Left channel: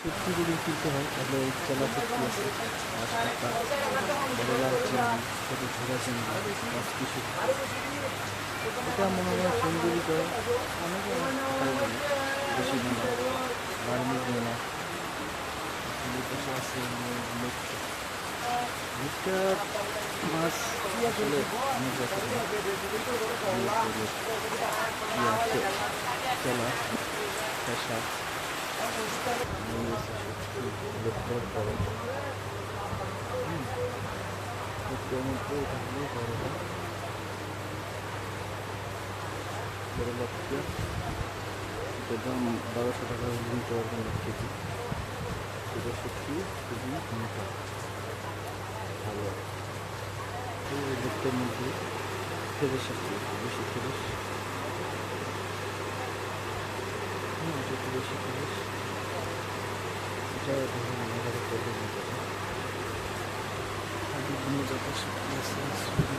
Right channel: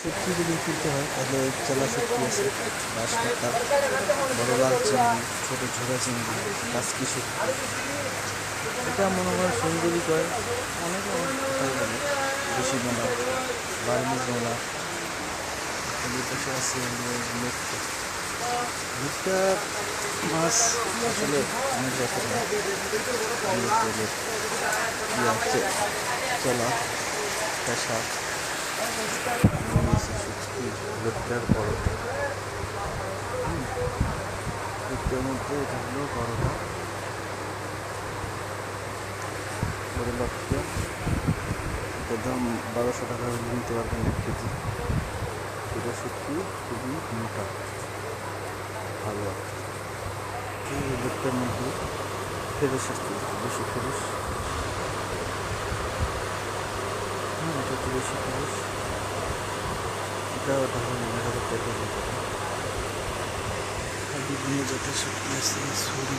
শুটকি যদি কিনতে হয় তাহলে চেলা শুটকি আছে, বাঁশপাতা, বড় লাল চিংড়ি, ছোটো ঝোড়া চিংড়ি, কাসকি শুটকি। এটা মনে হয় সুন্দরী কয়, অনেকে অনেক কথাই বলে। দেশি মোনা, বার্মিজ মোনা, এখানে পাশে আছে লুটকা। লুটকা মাছ আসলে অনেক জাতের না, চেলা, পেশা, শুটকি, লুটকার বড়টা। লুটকার মধ্যে এটা হলো বড়টা, বড় লটকা। এটার দাম 1200 টাকা হলে নিতে পারবেন 1 কেজি। এটা শুটকি খুবই মোটা, ভালো আর কি। এই লুটকার মধ্যে ফ্রেশ আসছে, একটু বেশি ফ্রেশ। হ্যাঁ, এটা একটু বেশি ফ্রেশ। এটা ধরেন 1000 টাকা নিতে পারেন। আর বিভিন্ন জাতের শুটকি আছে, ছুরি।